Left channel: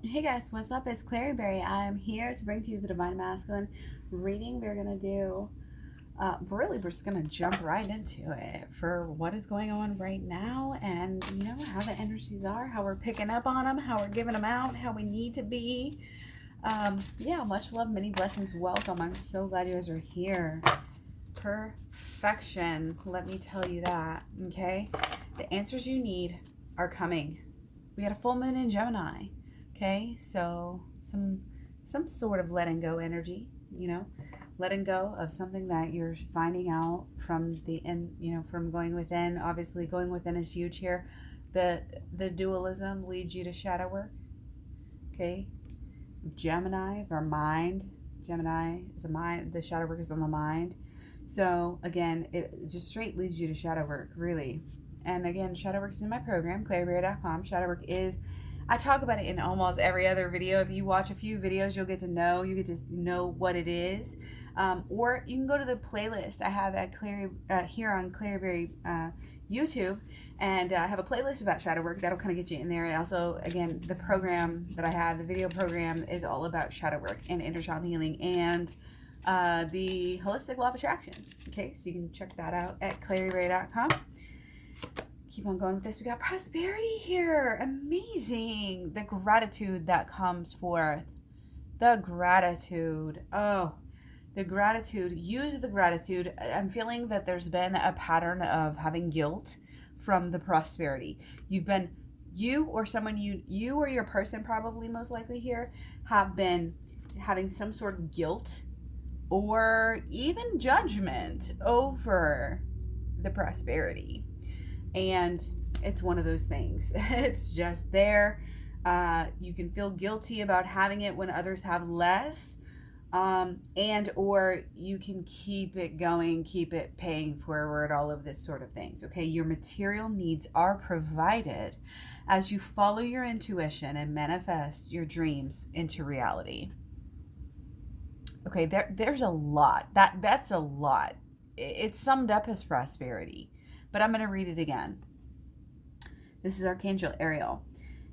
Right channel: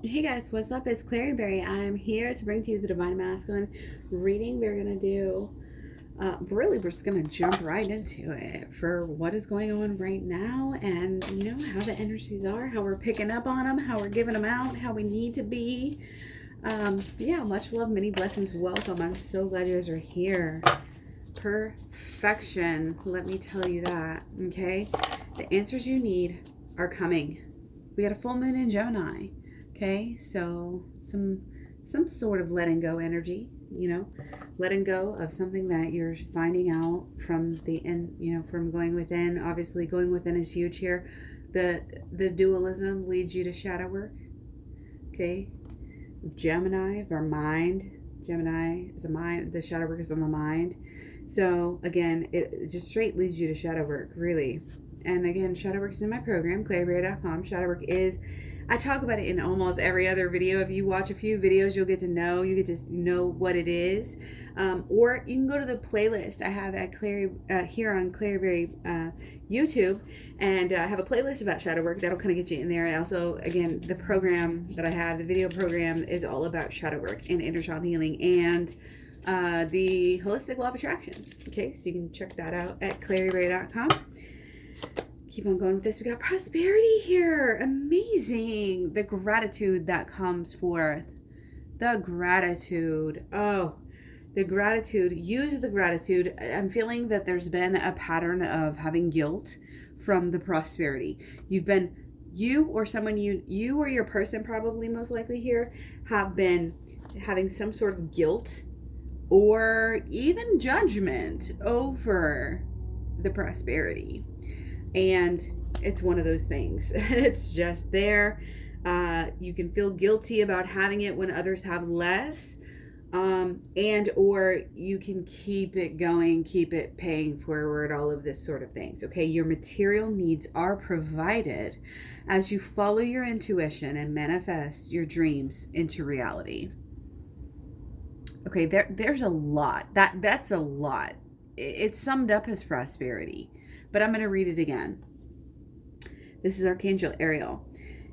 Hey guys, what's up? It's Clary Berry. I'm here to bring to you the Divine Masculine reading. We're going to do, we're just going to jump right into it for what is going on right now and, how the energies are, how we're picking up on them, how we're giving them out, how we need to be. Much love, many blessings, welcome. I'm so glad you guys are here. Perfection, let me tell you that, okay? The answers you need are coming. We got a full moon in Gemini. Okay, so some sort of letting go energy, letting go of something that you're finding out from from going within. Obviously, going within is huge here. The dualism leads you to shadow work. Okay, Gemini, our mind. Gemini is a mind. The shadow work is on the mind. So again, it just straight leads you to shadow work, really. And again, shadow work is in my program, claryberry.com. Shadow work is, I talk about it in almost every other video. If you watch a few videos, you get to know what it is. Or you can go to the playlist. I have at here on Claryberry YouTube, and I have a playlist about shadow work that'll kind of get you in there. Also, again, the program that I have, the video program, is all about shadow work and inner child healing and the holistic law of attraction. Okay, so you can check that out at claryberry.com. Keep on going with this. We got prosperity here. Amazing. The gratitude that comes forth. The gratitude. Oh, the gratitude. Use the gratitude. I'm feeling that there's been a pattern of having guilt from the prosperity. You or someone you or your person, probably most likely here, have been having some sort of guilt or even judgment over the prosperity. And it's one of those things. It's just there. You can feel guilty about having it when others have less. And or you can keep it going, keep it paying forward, all of this sort of things. Okay, your material needs are provided as you follow your intuition and manifest your dreams into reality. Okay, there's a lot. That's a lot. It's summed up as prosperity. But I'm going to read it again. This is Archangel Ariel.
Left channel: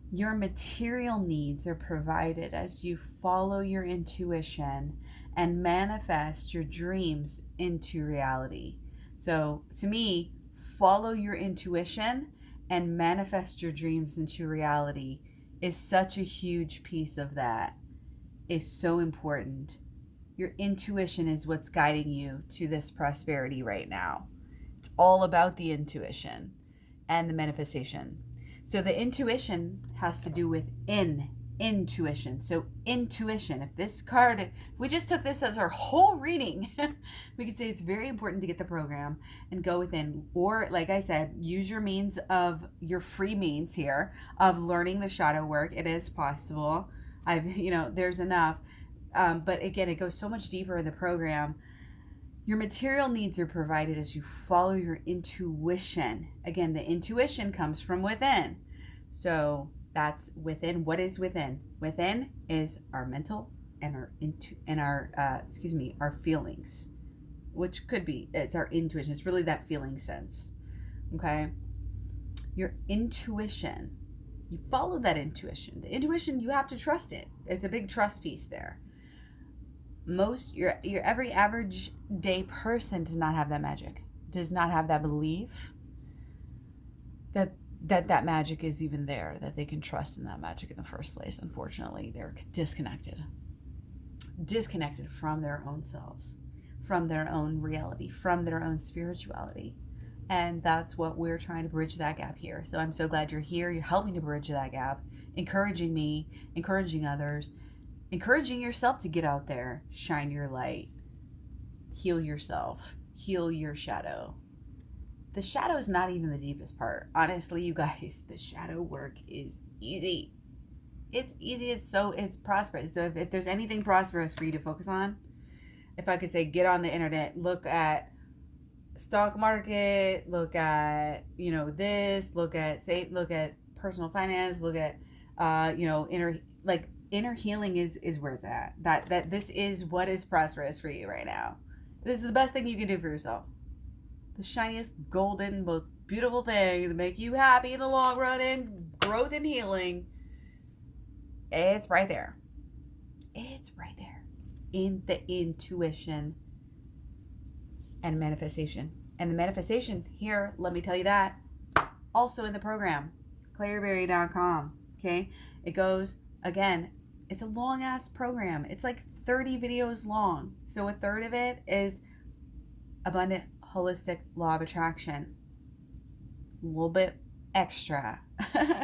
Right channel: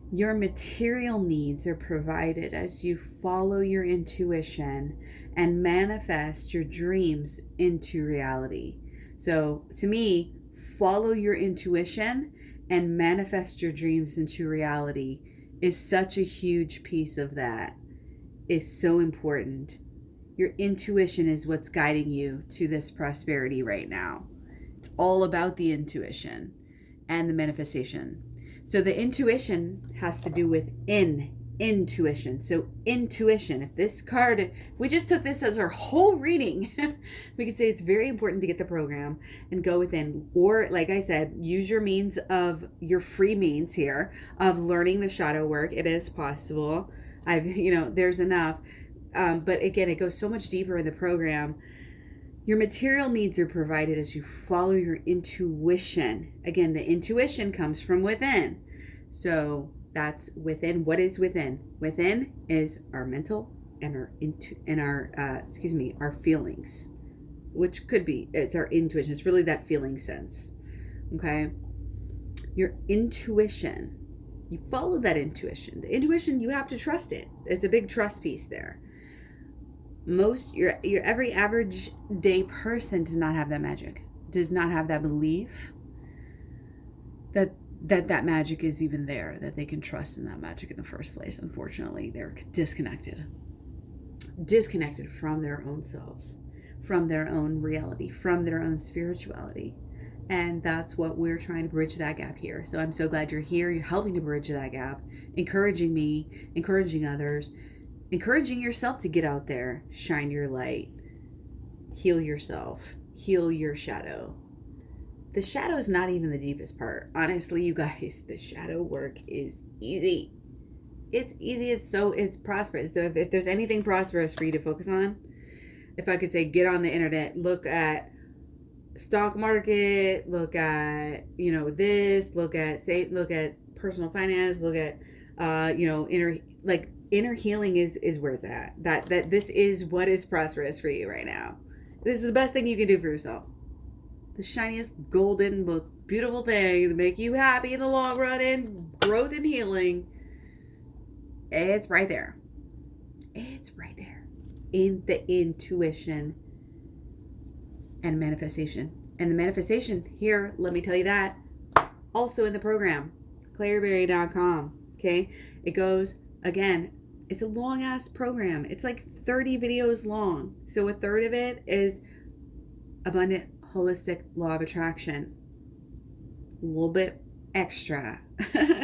Your material needs are provided as you follow your intuition and manifest your dreams into reality. So to me, follow your intuition and manifest your dreams into reality is such a huge piece of that. It's so important. Your intuition is what's guiding you to this prosperity right now. It's all about the intuition and the manifestation. So the intuition has to do with intuition. So intuition, if we just took this as our whole reading, we could say it's very important to get the program and go within. Or like I said, use your free means here of learning the shadow work. It is possible. There's enough. But again, it goes so much deeper in the program. Your material needs are provided as you follow your intuition. Again, the intuition comes from within. So that's within. What is within? Within is our mental and our feelings, which could be, it's our intuition. It's really that feeling sense. Okay. Your intuition, you follow that intuition. The intuition, you have to trust it. It's a big trust piece there. Your every average day person does not have that magic, does not have that belief that magic is even there, that they can trust in that magic in the first place. Unfortunately, they're disconnected from their own selves, from their own reality, from their own spirituality. And that's what we're trying to bridge that gap here. So I'm so glad you're here. You're helping to bridge that gap, encouraging me, encouraging others, encouraging yourself to get out there, shine your light, heal yourself, heal your shadow. The shadow is not even the deepest part. Honestly, you guys, the shadow work is easy. It's easy. It's prosperous. So if there's anything prosperous for you to focus on, if I could say, get on the internet, look at stock market, look at, this, look at personal finance, look at, inner healing is where it's at. That this is what is prosperous for you right now. This is the best thing you can do for yourself. The shiniest, golden, most beautiful thing to make you happy in the long run and growth and healing. It's right there. It's right there in the intuition and manifestation. And the manifestation here, let me tell you that, also in the program, claireberry.com. Okay. It goes, again, it's a long ass program. It's like 30 videos long. So a third of it is abundant, holistic law of attraction. A little bit extra,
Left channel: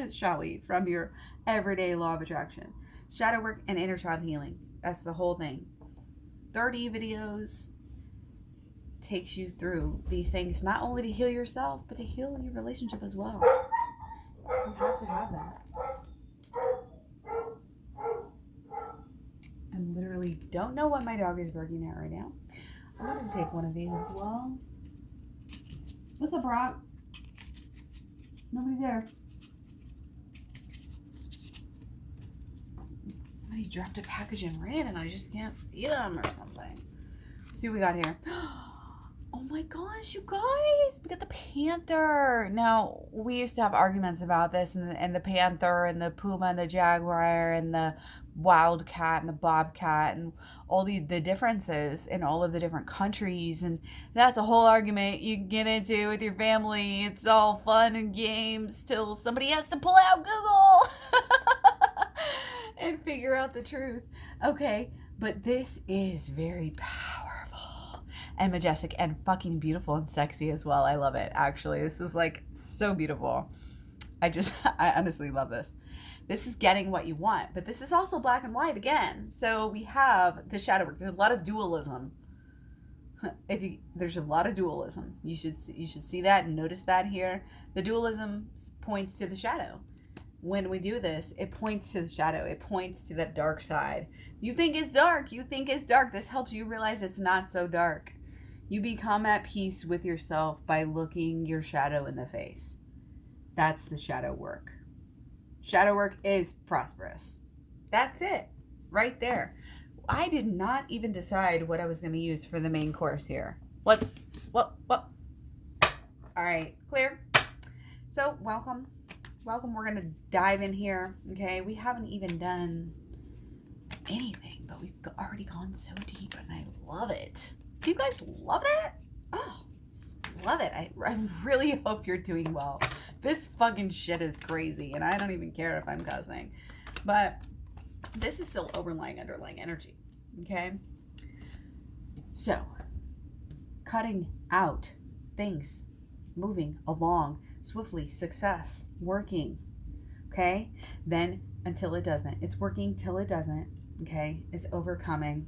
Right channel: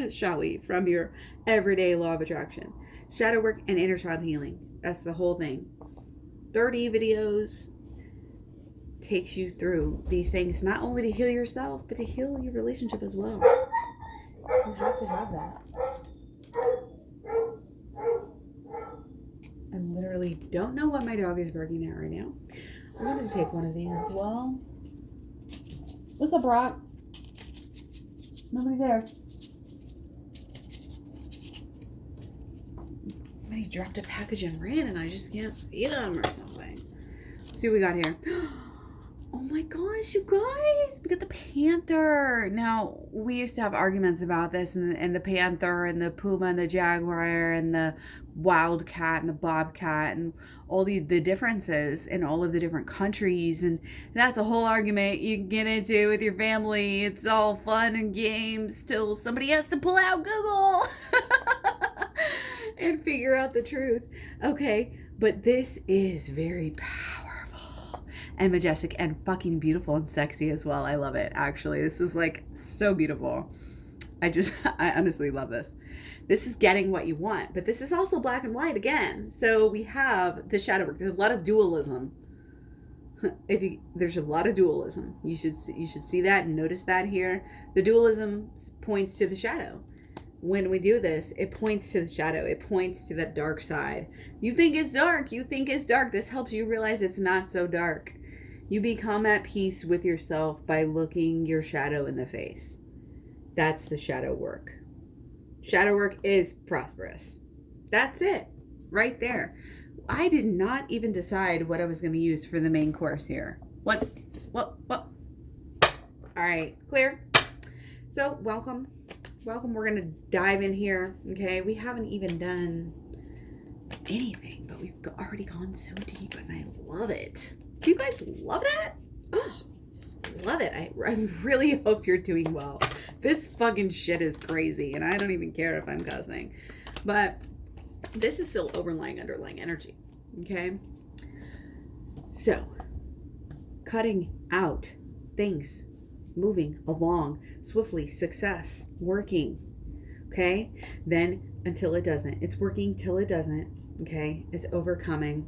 shall we, from your everyday law of attraction. Shadow work and inner child healing. That's the whole thing. 30 videos takes you through these things, not only to heal yourself, but to heal your relationship as well. You have to have that. I literally don't know what my dog is barking at right now. I'm going to take one of these as well. What's up, Brock? Nobody there. Somebody dropped a package and ran and I just can't see them or something. Let's see what we got here. Oh my gosh, you guys, we got the panther. Now, we used to have arguments about this, and the panther and the puma and the jaguar and the wildcat and the bobcat and all the differences in all of the different countries. And that's a whole argument you can get into with your family. It's all fun and games till somebody has to pull out Google and figure out the truth. Okay, but this is very powerful and majestic and fucking beautiful and sexy as well. I love it, actually. This is like so beautiful. I honestly love this. This is getting what you want, but this is also black and white again. So we have the shadow work. There's a lot of dualism. There's a lot of dualism. You should see that and notice that here. The dualism points to the shadow. When we do this, it points to the shadow. It points to that dark side. You think it's dark. You think it's dark. This helps you realize it's not so dark. You become at peace with yourself by looking your shadow in the face. That's the shadow work. Shadow work is prosperous. That's it. Right there. I did not even decide what I was going to use for the main course here. What? All right. Clear? So, welcome. Welcome. We're going to dive in here. Okay. We haven't even done anything, but we've already gone so deep and I love it. Do you guys love that? Oh, just love it. I really hope you're doing well. This fucking shit is crazy, and I don't even care if I'm cussing. But this is still underlying energy, okay? So, cutting out things, moving along swiftly, success, working, okay? Then until it doesn't. It's working till it doesn't, okay? It's overcoming.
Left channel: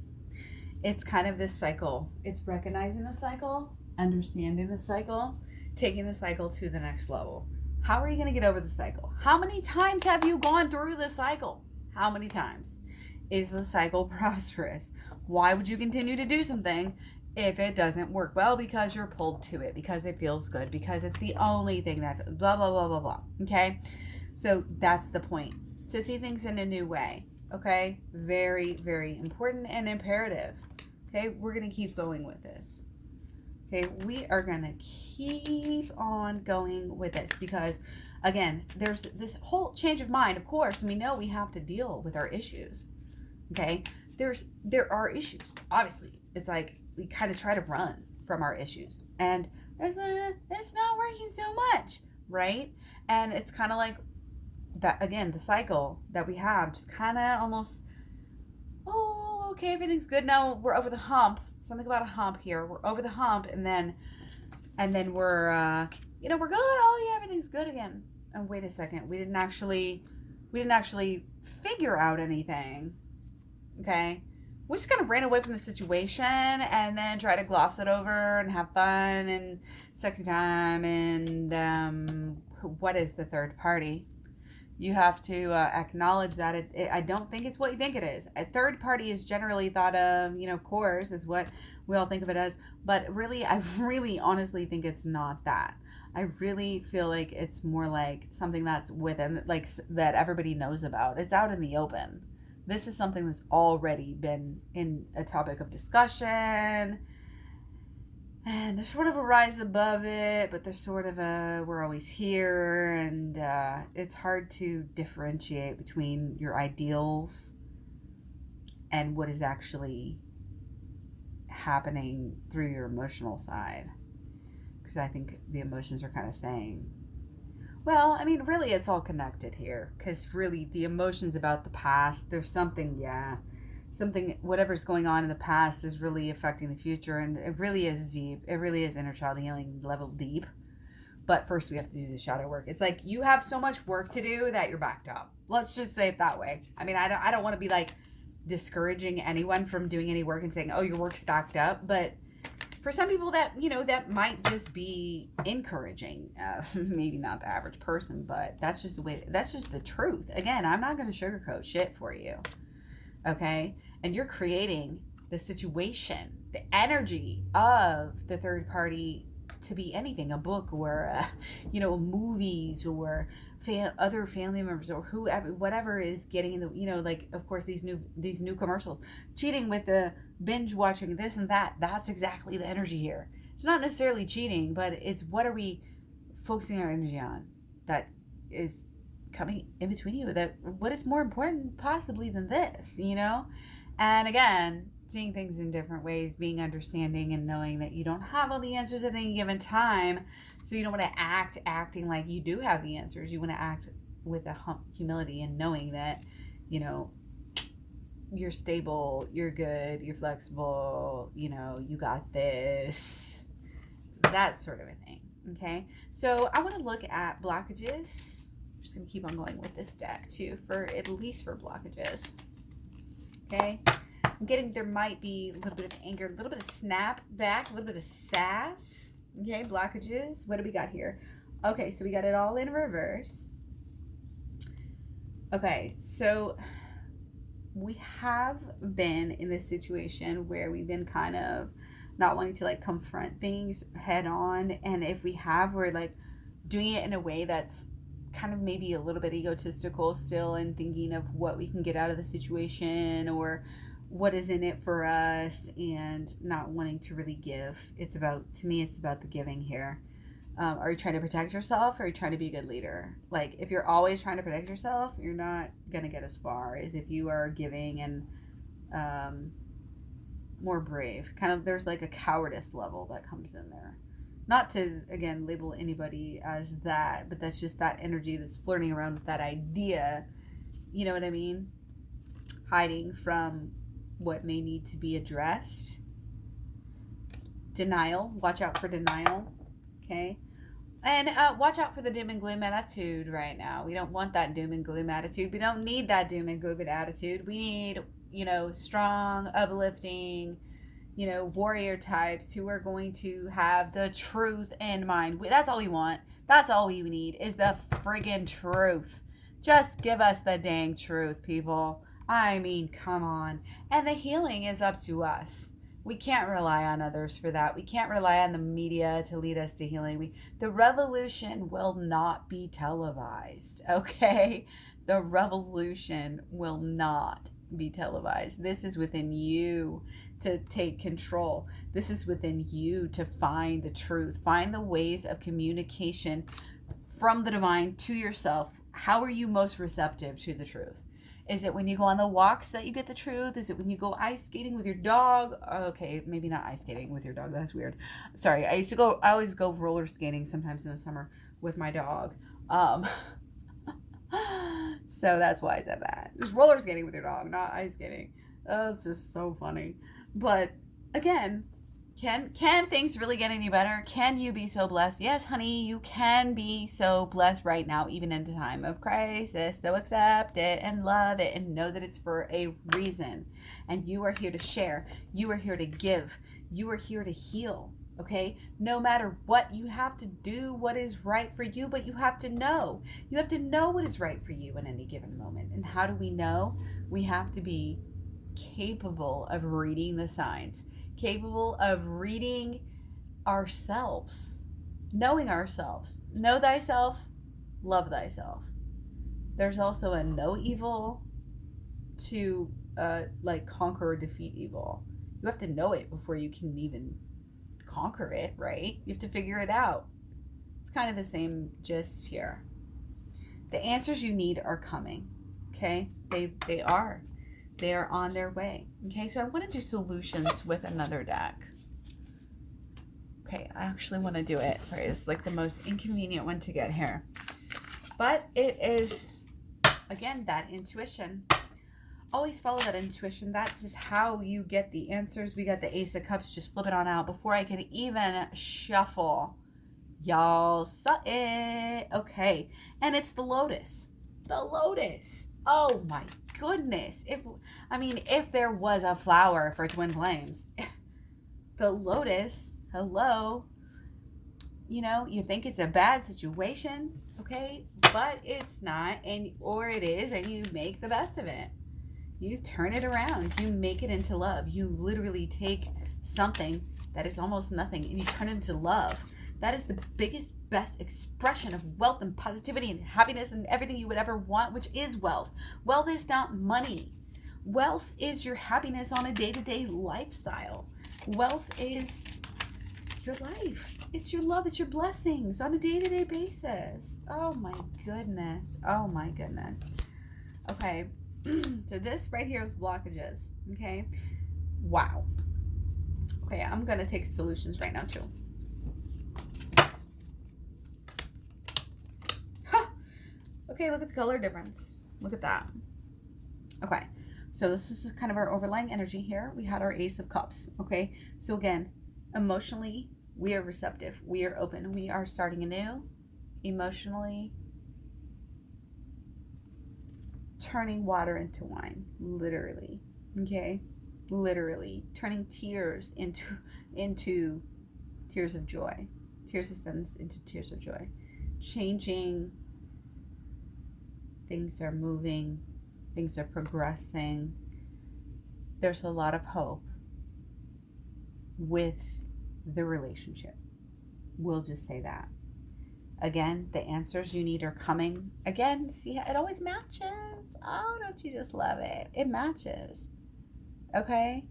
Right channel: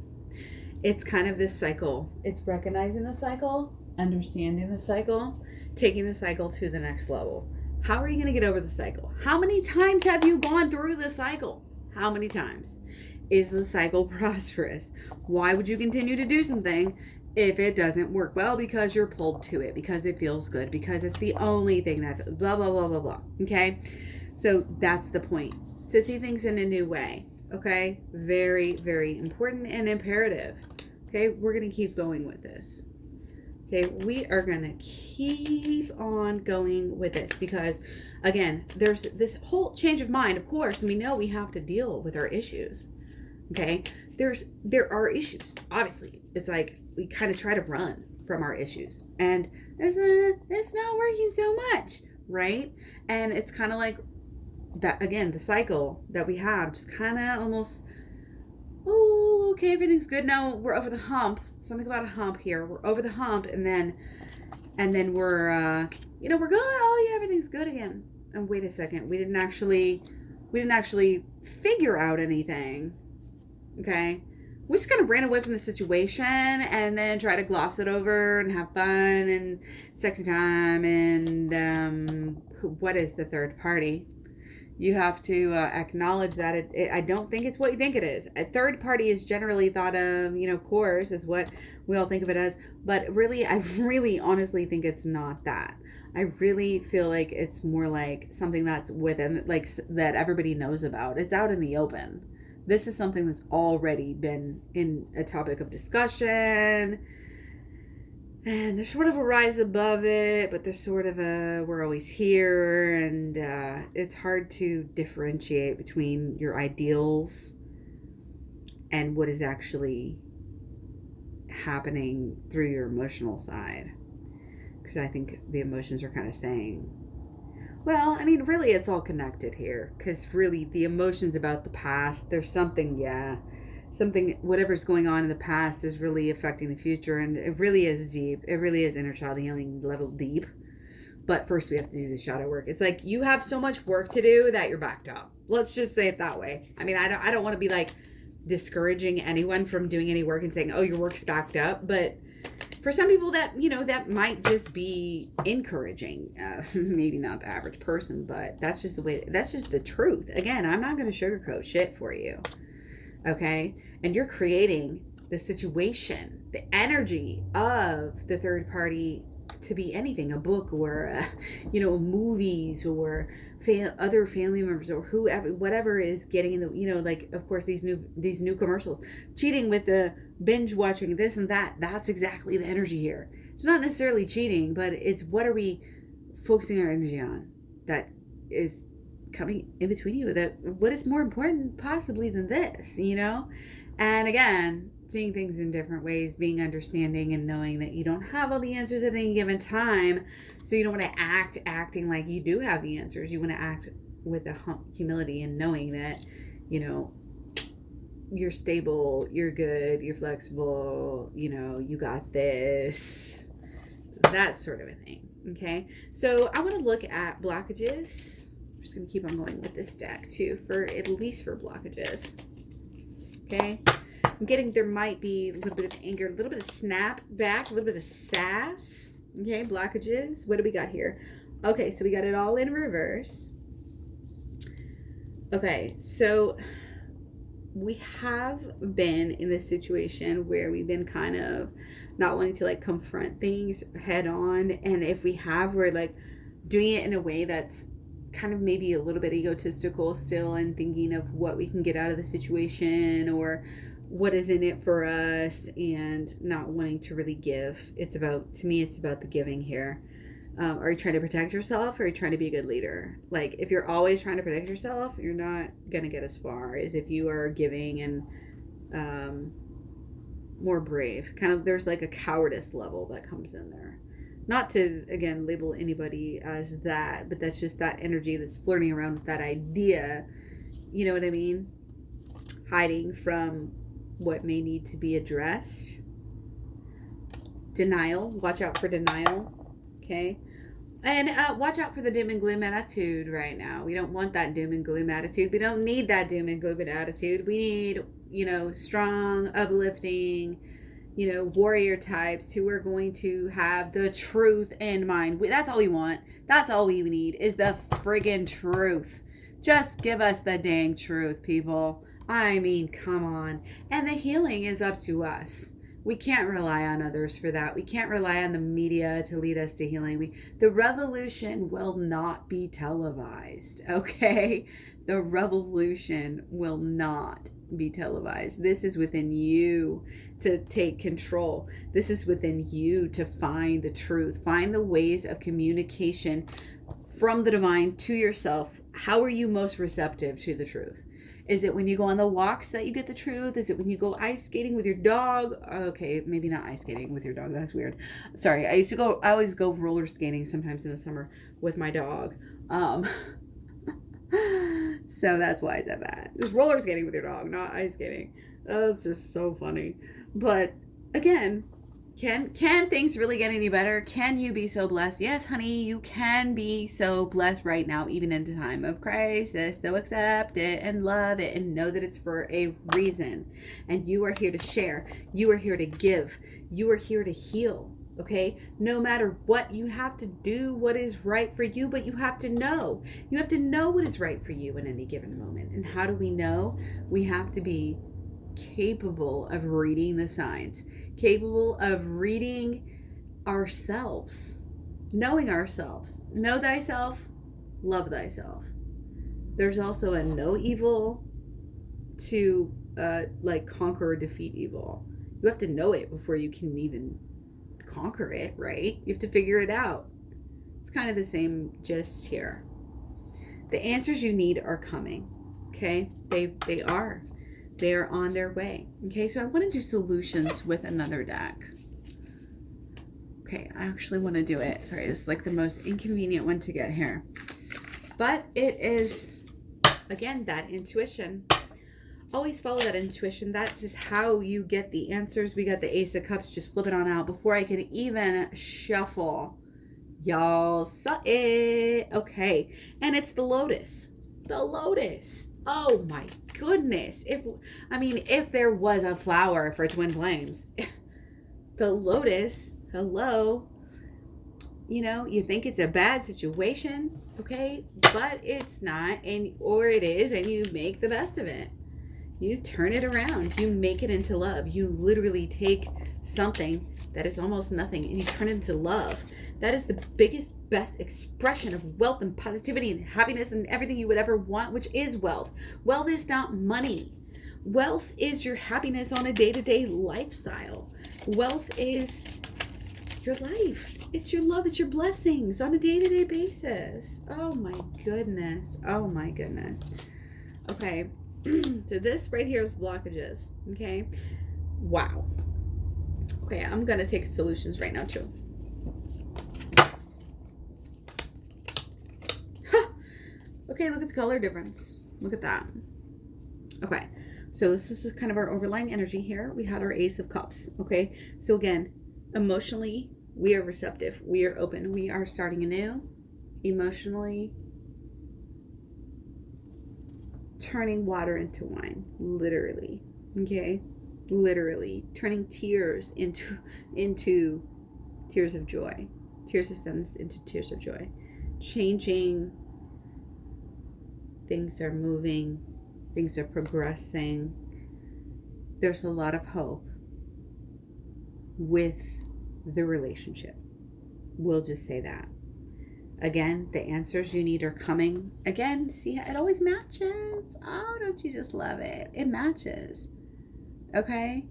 It's kind of this cycle. It's recognizing the cycle, understanding the cycle, taking the cycle to the next level. How are you going to get over the cycle? How many times have you gone through the cycle? How many times? Is the cycle prosperous? Why would you continue to do something if it doesn't work? Well, because you're pulled to it, because it feels good, because it's the only thing that blah, blah, blah, blah, blah. Okay? So that's the point. To see things in a new way. Okay? Very, very important and imperative. Okay? We're going to keep going with this. Okay? We are going to keep on going with this because, again, there's this whole change of mind, of course, and we know we have to deal with our issues. Okay? There are issues. Obviously, it's like we kind of try to run from our issues. And it's not working so much, right? And it's kind of like that, again, the cycle that we have just kind of almost, oh, okay, everything's good now, we're over the hump. Something about a hump here. We're over the hump, and then we're we're good. Oh yeah, everything's good again. And wait a second, we didn't actually figure out anything. Okay, we just kind of ran away from the situation and then try to gloss it over and have fun and sexy time and what is the third party? You have to acknowledge that I don't think it's what you think it is. A third party is generally thought of, of course, is what we all think of it as. But really, I really honestly think it's not that. I really feel like it's more like something that's within, like, that everybody knows about. It's out in the open. This is something that's already been in a topic of discussion. And there's sort of a rise above it, but there's sort of a we're always here, and it's hard to differentiate between your ideals and what is actually happening through your emotional side. Because I think the emotions are kind of saying, well, I mean, really, it's all connected here. Because really, the emotions about the past, there's something, whatever's going on in the past is really affecting the future. And it really is deep. It really is inner child healing level deep. But first, we have to do the shadow work. It's like you have so much work to do that you're backed up. Let's just say it that way. I mean, I don't want to be like discouraging anyone from doing any work and saying, oh, your work's backed up. But for some people that, that might just be encouraging. Maybe not the average person, but that's just the truth. Again, I'm not going to sugarcoat shit for you. Okay? And you're creating the situation, the energy of the third party to be anything, a book or, movies or other family members or whoever, whatever is getting in the, like, of course, these new commercials, cheating with the binge watching this and that. That's exactly the energy here. It's not necessarily cheating, but it's what are we focusing our energy on that is coming in between you, that what is more important possibly than this, And again, seeing things in different ways, being understanding and knowing that you don't have all the answers at any given time. So you don't want to acting like you do have the answers. You want to act with the humility and knowing that, you're stable, you're good, you're flexible, you got this, that sort of a thing. Okay. So I want to look at blockages. I'm just going to keep on going with this deck too, at least for blockages. Okay. I'm getting there might be a little bit of anger, a little bit of snap back, a little bit of sass. Okay, blockages. What do we got here? Okay, so we got it all in reverse. Okay, so we have been in this situation where we've been kind of not wanting to like confront things head on. And if we have, we're like doing it in a way that's kind of maybe a little bit egotistical still and thinking of what we can get out of the situation or what is in it for us and not wanting to really give. To me, it's about the giving here. Are you trying to protect yourself or are you trying to be a good leader? Like if you're always trying to protect yourself, you're not going to get as far as if you are giving and more brave. Kind of there's like a cowardice level that comes in there. Not to, again, label anybody as that, but that's just that energy that's flirting around with that idea. You know what I mean? Hiding from what may need to be addressed. Denial. Watch out for denial. Okay? And watch out for the doom and gloom attitude right now. We don't want that doom and gloom attitude. We don't need that doom and gloom attitude. We need, strong, uplifting, warrior types who are going to have the truth in mind. That's all we want. That's all we need is the friggin' truth. Just give us the dang truth, people. I mean, come on. And the healing is up to us. We can't rely on others for that. We can't rely on the media to lead us to healing. The revolution will not be televised, okay? The revolution will not be televised. This is within you to take control. This is within you to find the truth. Find the ways of communication from the divine to yourself. How are you most receptive to the truth? Is it when you go on the walks that you get the truth? Is it when you go ice skating with your dog? Okay, maybe not ice skating with your dog. That's weird. Sorry. I always go roller skating sometimes in the summer with my dog. So that's why I said that. Just roller skating with your dog, not ice skating. That's just so funny. But again, can things really get any better? Can you be so blessed? Yes, honey, you can be so blessed right now, even in a time of crisis. So accept it and love it and know that it's for a reason. And you are here to share. You are here to give. You are here to heal. Okay? No matter what, you have to do what is right for you, but you have to know. You have to know what is right for you in any given moment. And how do we know? We have to be capable of reading the signs, capable of reading ourselves, knowing ourselves. Know thyself, love thyself. There's also a know evil to conquer or defeat evil. You have to know it before you can even conquer it, right? You have to figure it out. It's kind of the same gist here. The answers you need are coming, okay? They are. They are on their way, okay? So I want to do solutions with another deck. Okay, I actually want to do it. Sorry, it's like the most inconvenient one to get here. But it is, again, that intuition. Always follow that intuition. That's just how you get the answers. We got the Ace of Cups. Just flip it on out before I can even shuffle. Y'all saw it. Okay. And it's the Lotus. The Lotus. Oh my goodness. If there was a flower for twin flames, the Lotus, hello. You know, you think it's a bad situation, okay? But it's not, or it is, and you make the best of it. You turn it around. You make it into love. You literally take something that is almost nothing and you turn it into love. That is the biggest, best expression of wealth and positivity and happiness and everything you would ever want, which is wealth. Wealth is not money. Wealth is your happiness on a day-to-day lifestyle. Wealth is your life. It's your love. It's your blessings on a day-to-day basis. Oh my goodness. Oh my goodness. Okay. So this right here is blockages. Okay. Wow. Okay. I'm going to take solutions right now too. Okay. Look at the color difference. Look at that. Okay. So this is kind of our overlying energy here. We had our Ace of Cups. Okay. So again, emotionally, we are receptive. We are open. We are starting anew. Emotionally, turning water into wine. Literally. Okay? Literally. Turning tears into tears of joy. Tears of sadness into tears of joy. Changing. Things are moving. Things are progressing. There's a lot of hope with the relationship. We'll just say that. Again, the answers you need are coming. Again, see, it always matches. Oh, don't you just love it? It matches. Okay?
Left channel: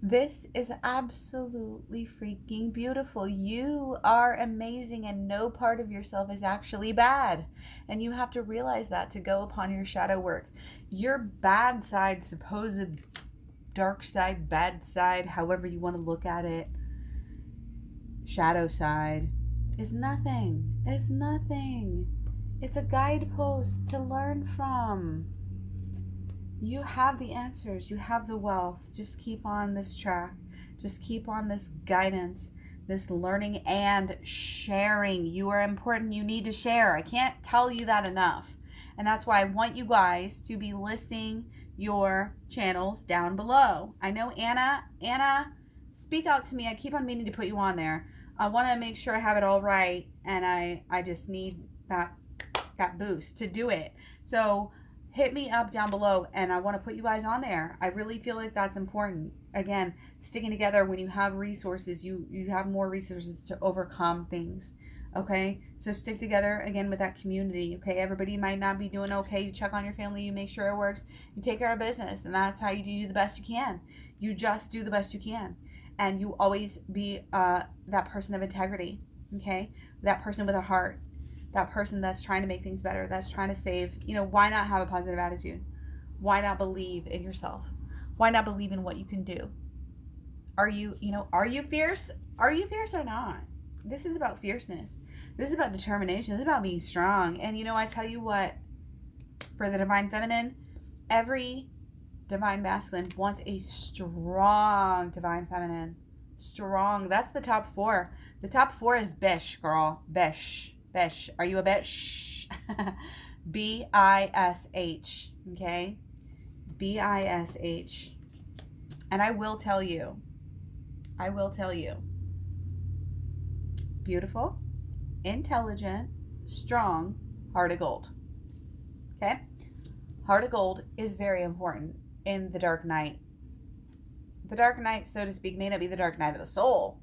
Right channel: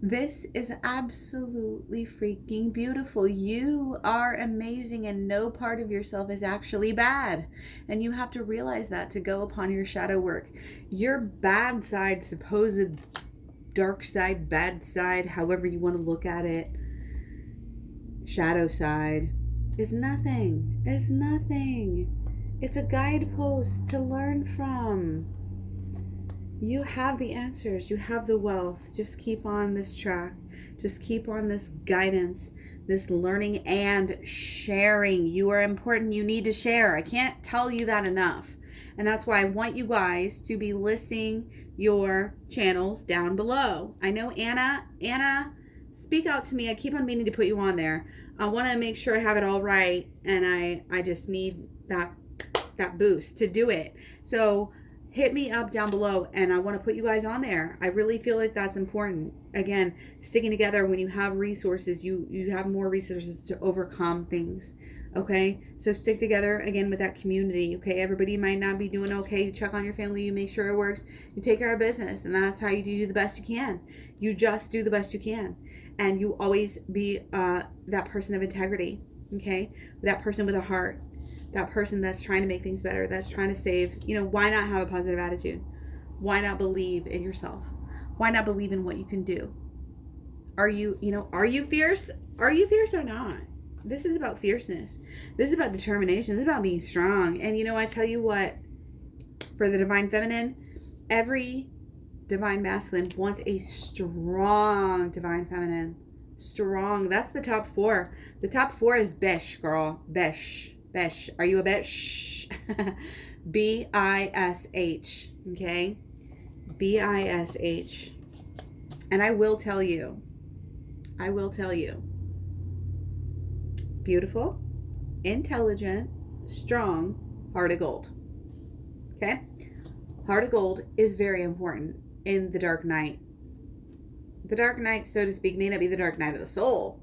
This is absolutely freaking beautiful. You are amazing and no part of yourself is actually bad. And you have to realize that to go upon your shadow work. Your bad side, supposed dark side, bad side, however you want to look at it, shadow side, is nothing. It's nothing. It's a guidepost to learn from. You have the answers. You have the wealth. Just keep on this track. Just keep on this guidance, this learning and sharing. You are important. You need to share. I can't tell you that enough. And that's why I want you guys to be listing your channels down below. I know Anna, speak out to me. I keep on meaning to put you on there. I want to make sure I have it all right, and I just need that boost to do it. So hit me up down below, and I want to put you guys on there. I really feel like that's important. Again, sticking together, when you have resources, you have more resources to overcome things. Okay, so stick together again with that community. Okay, everybody might not be doing okay. You check on your family, you make sure it works, you take care of business, and that's how you do the best you can. You just do the best you can, and you always be that person of integrity. Okay, that person with a heart, that person that's trying to make things better, that's trying to save. Why not have a positive attitude? Why not believe in yourself? Why not believe in what you can do? Are you fierce? Are you fierce or not? This is about fierceness. This is about determination. This is about being strong. And I tell you what, for the divine feminine, every divine masculine wants a strong divine feminine. Strong. That's the top 4. The top 4 is bish, girl. Bish. Bish. Are you a bish? B-I-S-H. Okay? B-I-S-H. And I will tell you. Beautiful, intelligent, strong, heart of gold. Okay? Heart of gold is very important in the dark night. The dark night, so to speak, may not be the dark night of the soul,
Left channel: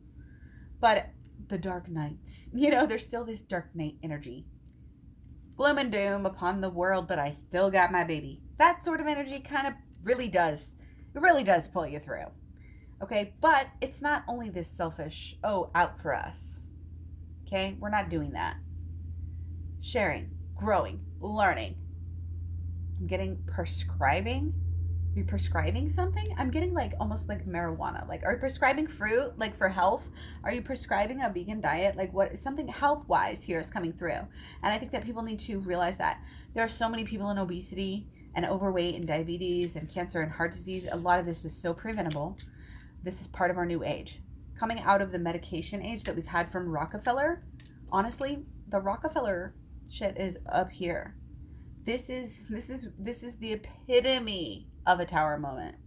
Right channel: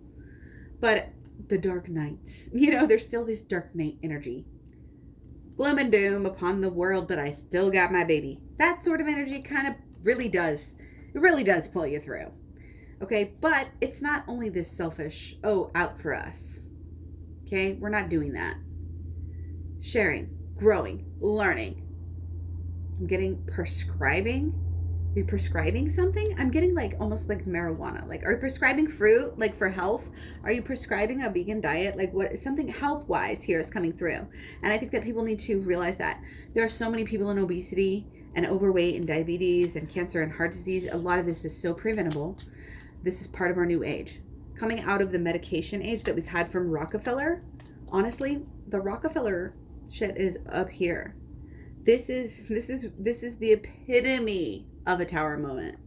but the dark nights. There's still this dark night energy. Gloom and doom upon the world, but I still got my baby. That sort of energy kind of really does pull you through. Okay, but it's not only this selfish, oh, out for us. Okay, we're not doing that. Sharing, growing, learning. I'm getting prescribing. Are you prescribing something? I'm getting like almost like marijuana. Like, are you prescribing fruit, like for health? Are you prescribing a vegan diet? Like, what something health wise here is coming through. And I think that people need to realize that there are so many people in obesity and overweight and diabetes and cancer and heart disease. A lot of this is so preventable. This is part of our new age. Coming out of the medication age that we've had from Rockefeller, honestly, the Rockefeller shit is up here. This is the epitome of a tower moment.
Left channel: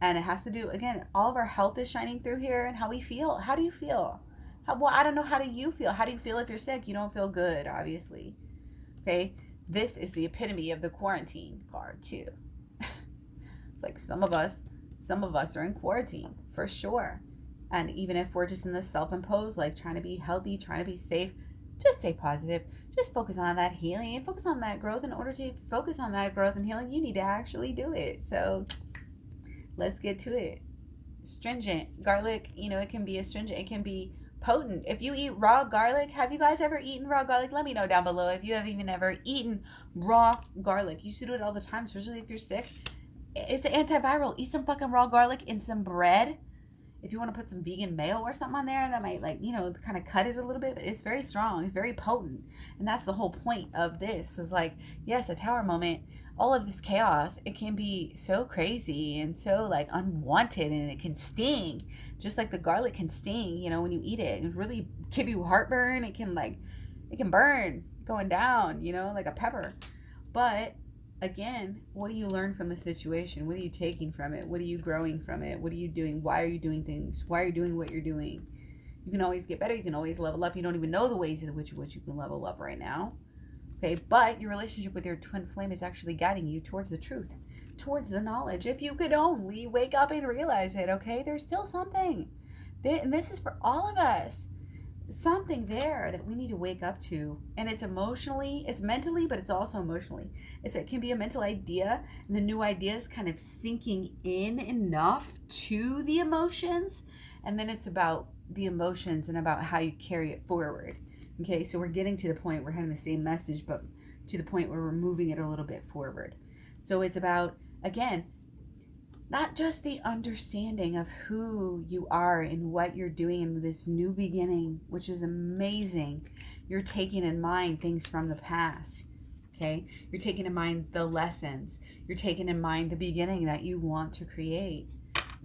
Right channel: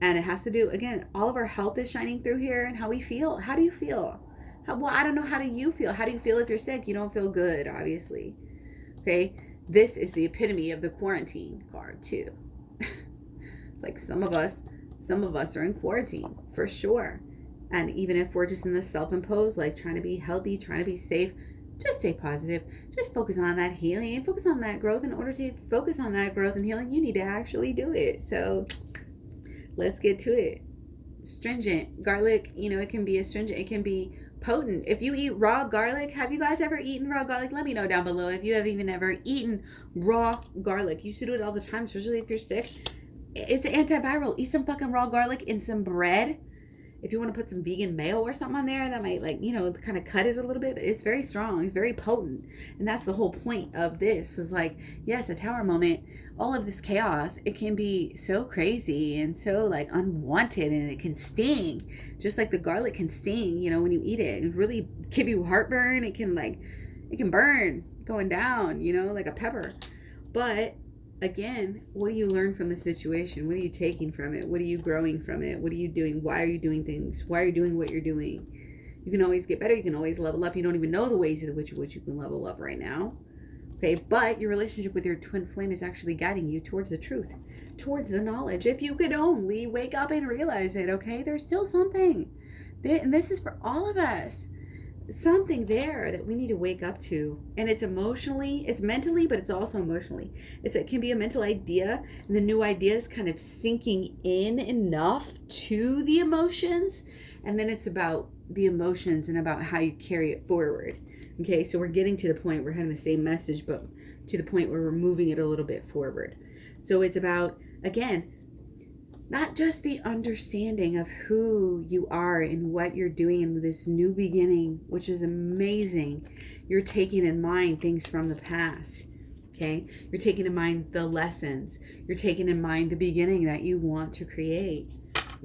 And it has to do, again, all of our health is shining through here and how we feel. How do you feel? Well, I don't know. How do you feel? How do you feel if you're sick? You don't feel good, obviously. Okay? This is the epitome of the quarantine card, too. It's like some of us are in quarantine, for sure. And even if we're just in the self-imposed, like trying to be healthy, trying to be safe, just stay positive. Just focus on that healing and focus on that growth. In order to focus on that growth and healing, you need to actually do it. So let's get to it. Astringent. Garlic, it can be astringent. It can be potent. If you eat raw garlic, have you guys ever eaten raw garlic? Let me know down below if you have even ever eaten raw garlic. You should do it all the time, especially if you're sick. It's an antiviral. Eat some fucking raw garlic in some bread. If you want to put some vegan mayo or something on there, that might kind of cut it a little bit, but it's very strong. It's very potent. And that's the whole point of this is like, yes, a tower moment, all of this chaos, it can be so crazy and so like unwanted, and it can sting just like the garlic can sting, when you eat it and really give you heartburn. It can burn going down, like a pepper. But again, what do you learn from the situation? What are you taking from it? What are you growing from it? What are you doing? Why are you doing things? Why are you doing what you're doing? You can always get better. You can always level up. You don't even know the ways in which you can level up right now. Okay, but your relationship with your twin flame is actually guiding you towards the truth, towards the knowledge. If you could only wake up and realize it, okay? There's still something. And this is for all of us. Something there that we need to wake up to, and it's mentally, but it's also emotionally. It can be a mental idea, and the new idea is kind of sinking in enough to the emotions, and then it's about the emotions and about how you carry it forward. Okay, so we're getting to the point, we're having the same message, but to the point where we're moving it a little bit forward. So it's about, again, not just the understanding of who you are and what you're doing in this new beginning, which is amazing. You're taking in mind things from the past, okay? You're taking in mind the lessons. You're taking in mind the beginning that you want to create,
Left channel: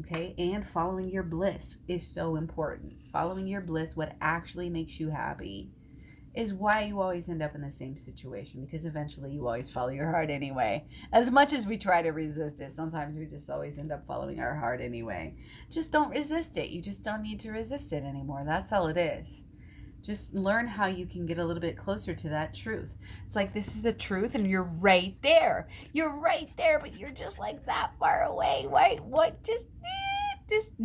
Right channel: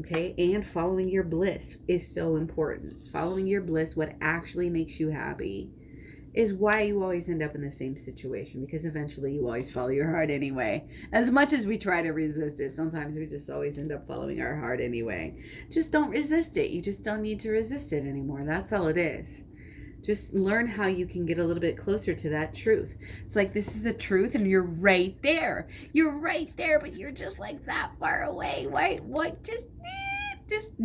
okay? And following your bliss is so important. Following your bliss, what actually makes you happy, is why you always end up in the same situation, because eventually you always follow your heart anyway. As much as we try to resist it, sometimes we just always end up following our heart anyway. Just don't resist it. You just don't need to resist it anymore. That's all it is. Just learn how you can get a little bit closer to that truth. It's like, this is the truth and you're right there. You're right there, but you're just like that far away. What? Just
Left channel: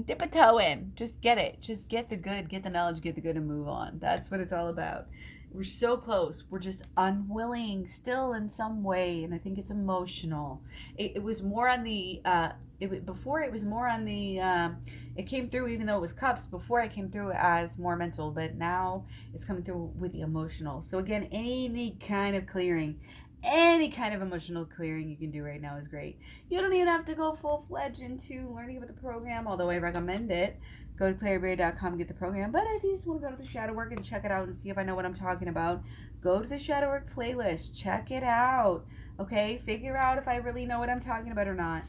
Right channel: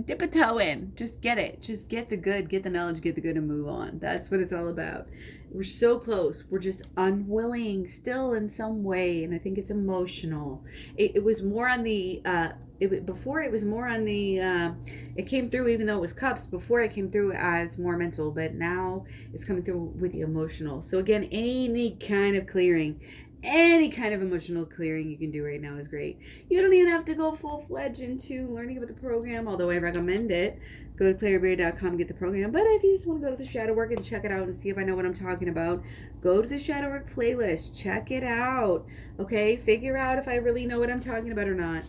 dip a toe in. Just get it. Just get the good, get the knowledge, get the good, and move on. That's what it's all about. We're so close. We're just unwilling still in some way, and I think it's emotional. It was more on the before. It was more on the it came through, even though it was cups before, it came through as more mental, but now it's coming through with the emotional. So again, any kind of emotional clearing you can do right now is great. You don't even have to go full-fledged into learning about the program, although I recommend it. Go to claireberry.com and get the program. But if you just want to go to the shadow work and check it out and see if I know what I'm talking about, go to the shadow work playlist. Check it out. Okay? Figure out if I really know what I'm talking about or not.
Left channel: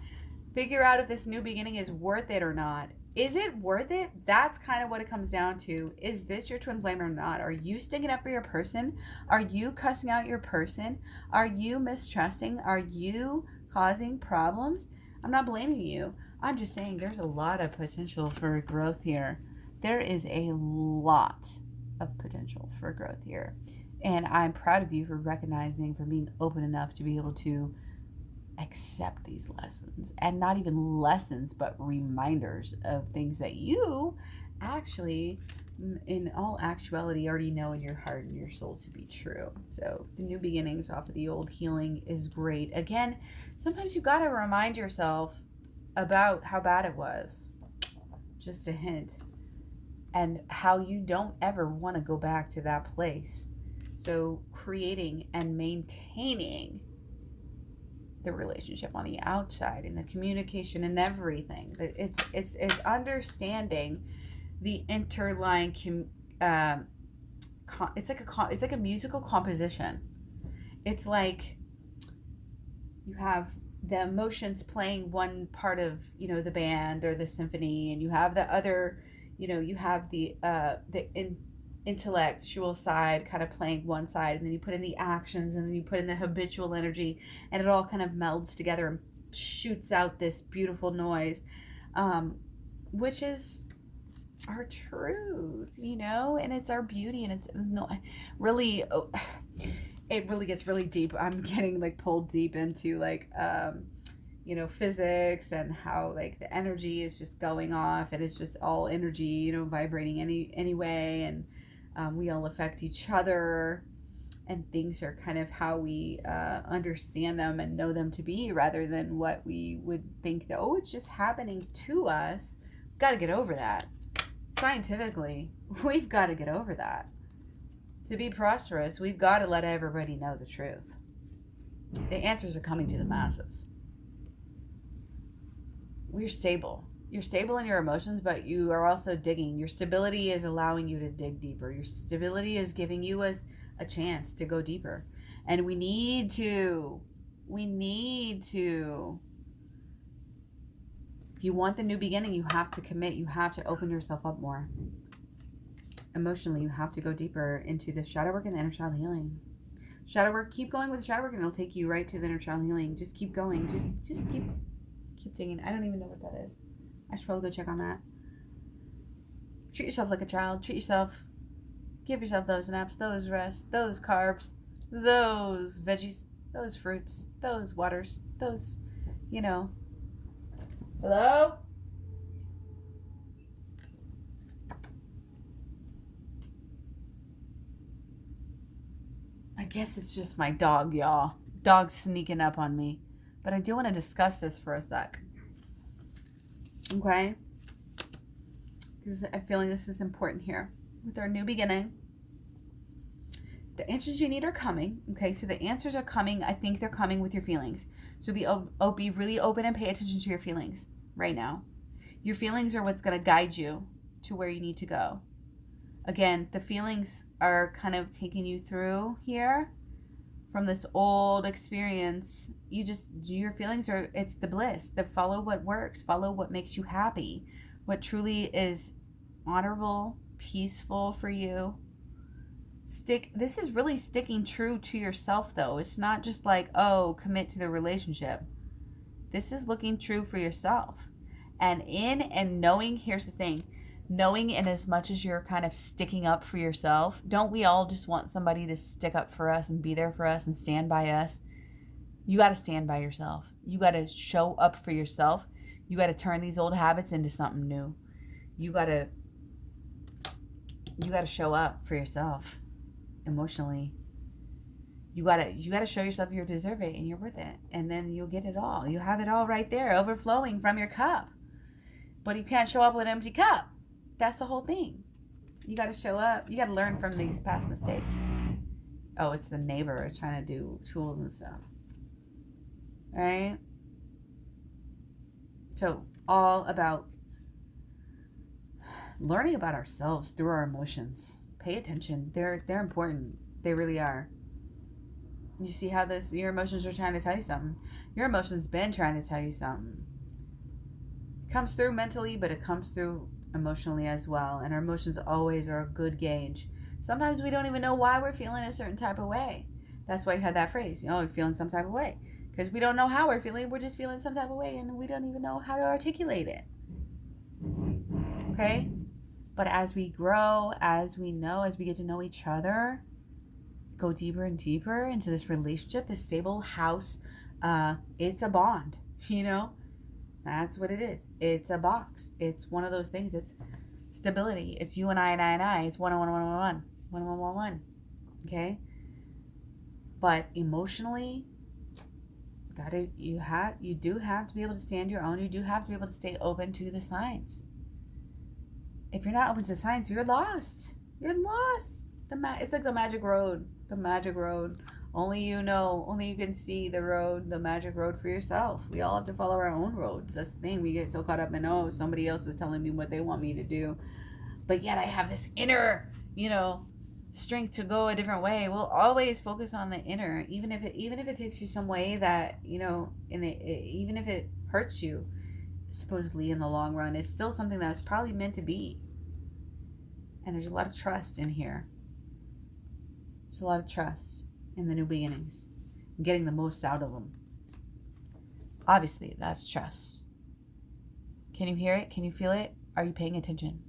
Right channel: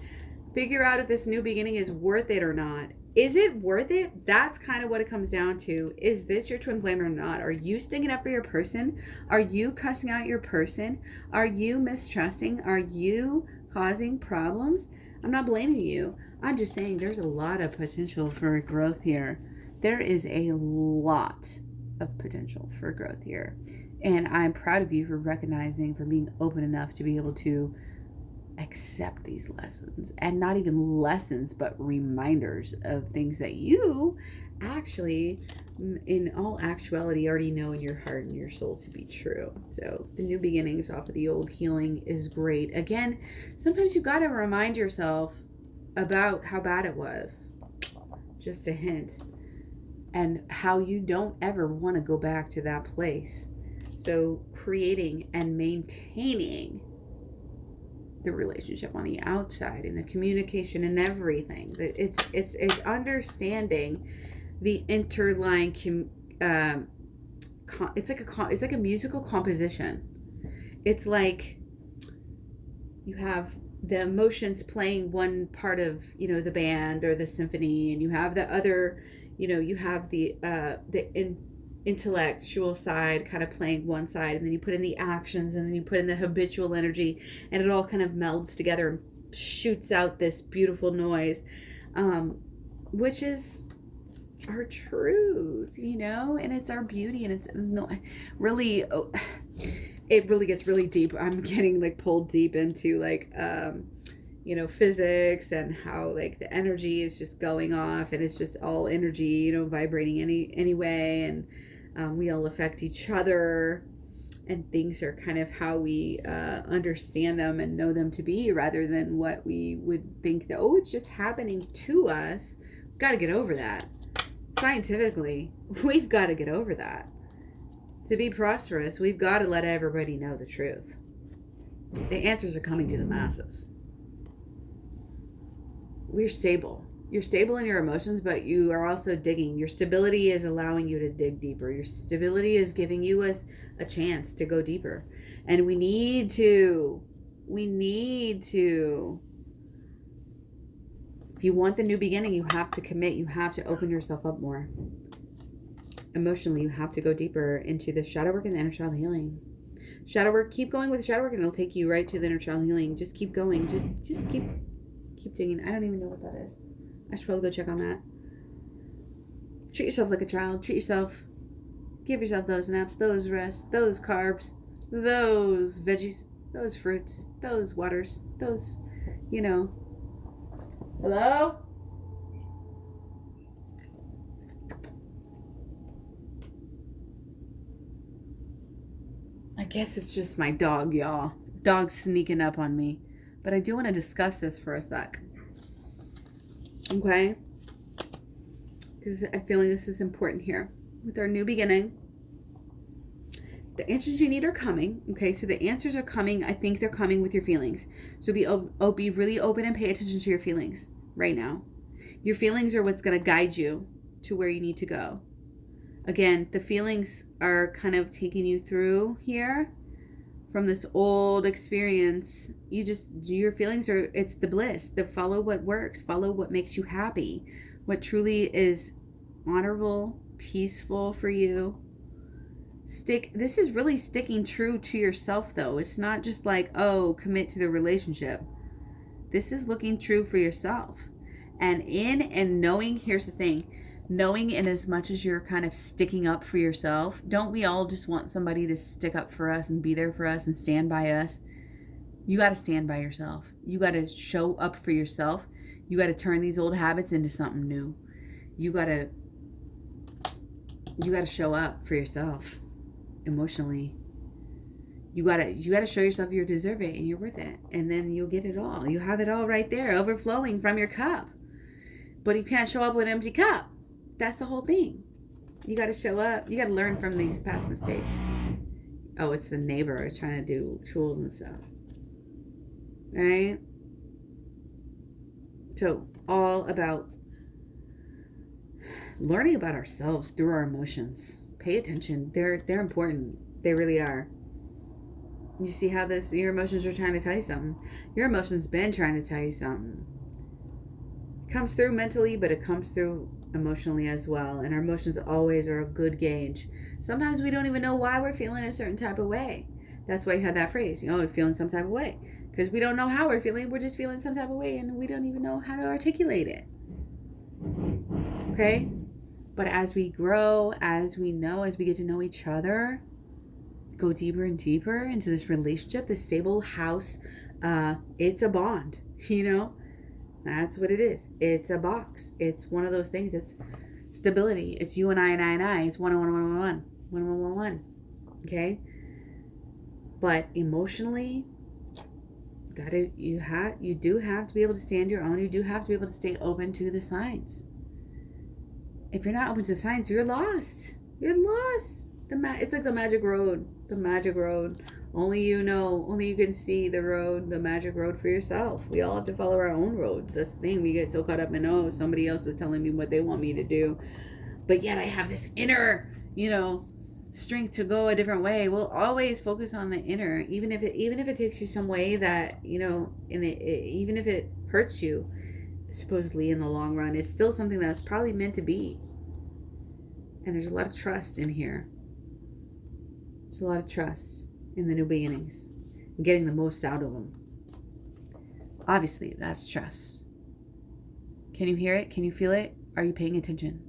Figure out if this new beginning is worth it or not. Is it worth it? That's kind of what it comes down to. Is this your twin flame or not? Are you sticking up for your person? Are you cussing out your person? Are you mistrusting? Are you causing problems? I'm not blaming you. I'm just saying there's a lot of potential for growth here. There is a lot of potential for growth here. And I'm proud of you for recognizing, for being open enough to be able to accept these lessons, and not even lessons, but reminders of things that you actually, in all actuality, already know in your heart and your soul to be true. So the new beginnings off of the old healing is great. Again, sometimes you got to remind yourself about how bad it was. just a hint, and how you don't ever want to go back to that place. So creating and maintaining the relationship on the outside and the communication and everything. It's understanding the interline. It's like a musical composition. It's like you have the emotions playing one part of, the band or the symphony, and you have the other, you have the intellectual side kind of playing one side, and then you put in the actions, and then you put in the habitual energy, and it all kind of melds together and shoots out this beautiful noise, which is our truth, and it's our beauty, and it's really, it really gets really deep. I'm getting like pulled deep into like, physics, and how like the energy is just going off, and it's just all energy, vibrating anyway, and we all affect each other, and things are kind of how we understand them and know them to be, rather than what we would think that, it's just happening to us. We've got to get over that. Scientifically, we've got to get over that. To be prosperous, we've got to let everybody know the truth. The answers are coming to the masses. We're stable. You're stable in your emotions, but you are also digging. Your stability is allowing you to dig deeper. Your stability is giving you a chance to go deeper. And we need to. If you want the new beginning, you have to commit. You have to open yourself up more. Emotionally, you have to go deeper into the shadow work and the inner child healing. Shadow work, keep going with the shadow work, and it'll take you right to the inner child healing. Just keep going. Just keep digging. I don't even know what that is. I should probably go check on that. Treat yourself like a child. Treat yourself. Give yourself those naps, those rests, those carbs, those veggies, those fruits, those waters, those, Hello? I guess it's just my dog, y'all. Dog's sneaking up on me. But I do want to discuss this for a sec. Okay? Because I'm feeling this is important here. With our new beginning, the answers you need are coming. Okay? So the answers are coming. I think they're coming with your feelings. So be really open and pay attention to your feelings right now. Your feelings are what's going to guide you to where you need to go. Again, the feelings are kind of taking you through here from this old experience. Your feelings are, it's the bliss. Follow what works. Follow what makes you happy. What truly is honorable, peaceful for you. This is really sticking true to yourself, though. It's not just like, commit to the relationship. This is looking true for yourself. And knowing, here's the thing, knowing in as much as you're kind of sticking up for yourself, don't we all just want somebody to stick up for us and be there for us and stand by us? You got to stand by yourself. You got to show up for yourself. You got to turn these old habits into something new. You got to show up for yourself emotionally. You got to show yourself you deserve it and you're worth it. And then you'll get it all. You have it all right there, overflowing from your cup. But you can't show up with an empty cup. That's the whole thing. You got to show up. You got to learn from these past mistakes. Oh, it's the neighbor trying to do tools and stuff. Right? So, all about learning about ourselves through our emotions. Pay attention. They're important. They really are. You see how your emotions are trying to tell you something. Your emotions been trying to tell you something. It comes through mentally, but it comes through emotionally as well. And our emotions always are a good gauge. Sometimes we don't even know why we're feeling a certain type of way. That's why you had that phrase, we're feeling some type of way. Because we don't know how we're feeling. We're just feeling some type of way, and we don't even know how to articulate it. Okay? But as we grow, as we get to know each other, go deeper and deeper into this relationship, this stable house, it's a bond, That's what it is. It's a box. It's one of those things. It's stability. It's you and I. It's 1-1-1-1-1. Okay? But emotionally, you do have to be able to stand your own. You do have to be able to stay open to the signs. if you're not open to signs, you're lost. You're lost. It's like the magic road. The magic road. Only you know. Only you can see the road, the magic road for yourself. We all have to follow our own roads. That's the thing. We get so caught up in, oh, somebody else is telling me what they want me to do. But yet I have this inner, strength to go a different way. We'll always focus on the inner, even if it takes you some way that, even if it hurts you, supposedly in the long run, it's still something that's probably meant to be. And there's a lot of trust in here. There's a lot of trust in the new beginnings, getting the most out of them. Obviously, that's trust. Can you hear it? Can you feel it? Are you paying attention?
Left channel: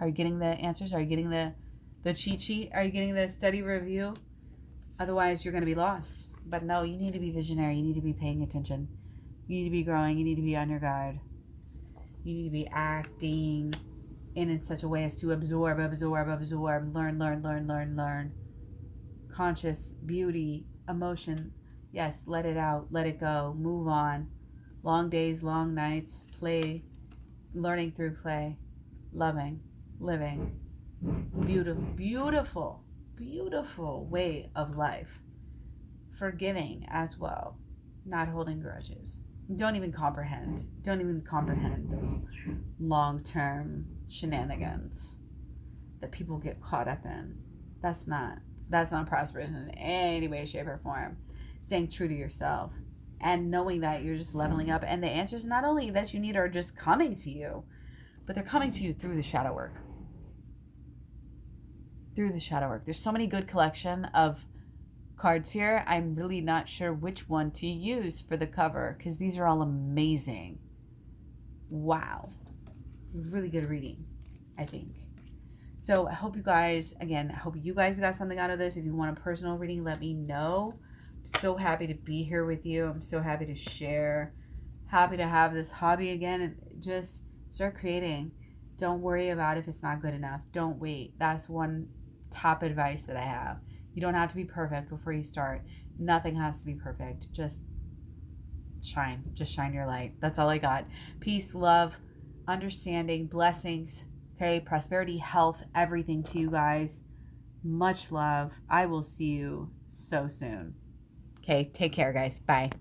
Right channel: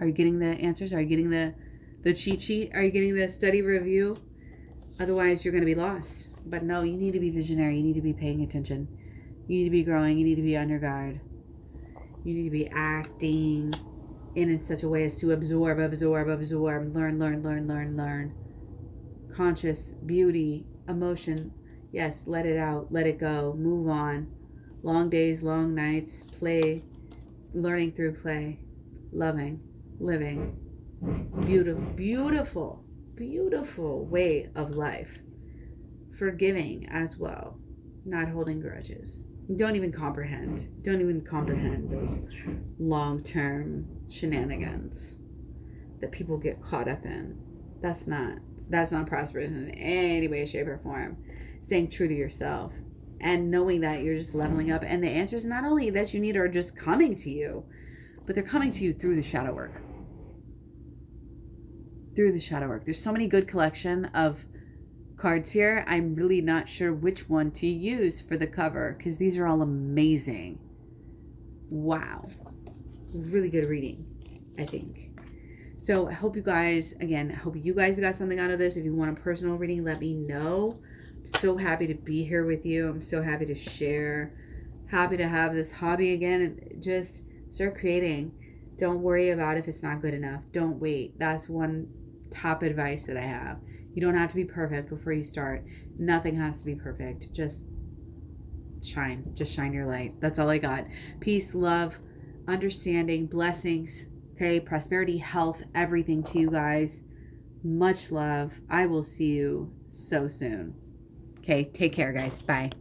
Are you getting the answers? Are you getting the cheat sheet? Are you getting the study review? Otherwise, you're going to be lost. But no, you need to be visionary. You need to be paying attention. You need to be growing. You need to be on your guard. You need to be acting in such a way as to absorb, learn. Conscious, beauty, emotion. Yes, let it out, let it go, move on. Long days, long nights, play, learning through play, loving, living. Beautiful way of life. Forgiving as well, not holding grudges. Don't even comprehend those long-term shenanigans that people get caught up in. That's not prosperous in any way, shape, or form. Staying true to yourself and knowing that you're just leveling up, and the answers not only that you need are just coming to you, but they're coming to you through the shadow work. There's so many good collection of cards here. I'm really not sure which one to use for the cover because these are all amazing. Wow. Really good reading, I think. So I hope you guys got something out of this. If you want a personal reading, let me know. I'm so happy to be here with you. I'm so happy to share. Happy to have this hobby again and just start creating. Don't worry about if it's not good enough. Don't wait. That's one top advice that I have. You don't have to be perfect before you start. Nothing has to be perfect. Just shine. Just shine your light. That's all I got. Peace, love, understanding, blessings. Okay, prosperity, health, everything to you guys. Much love. I will see you so soon. Okay, take care, guys. Bye.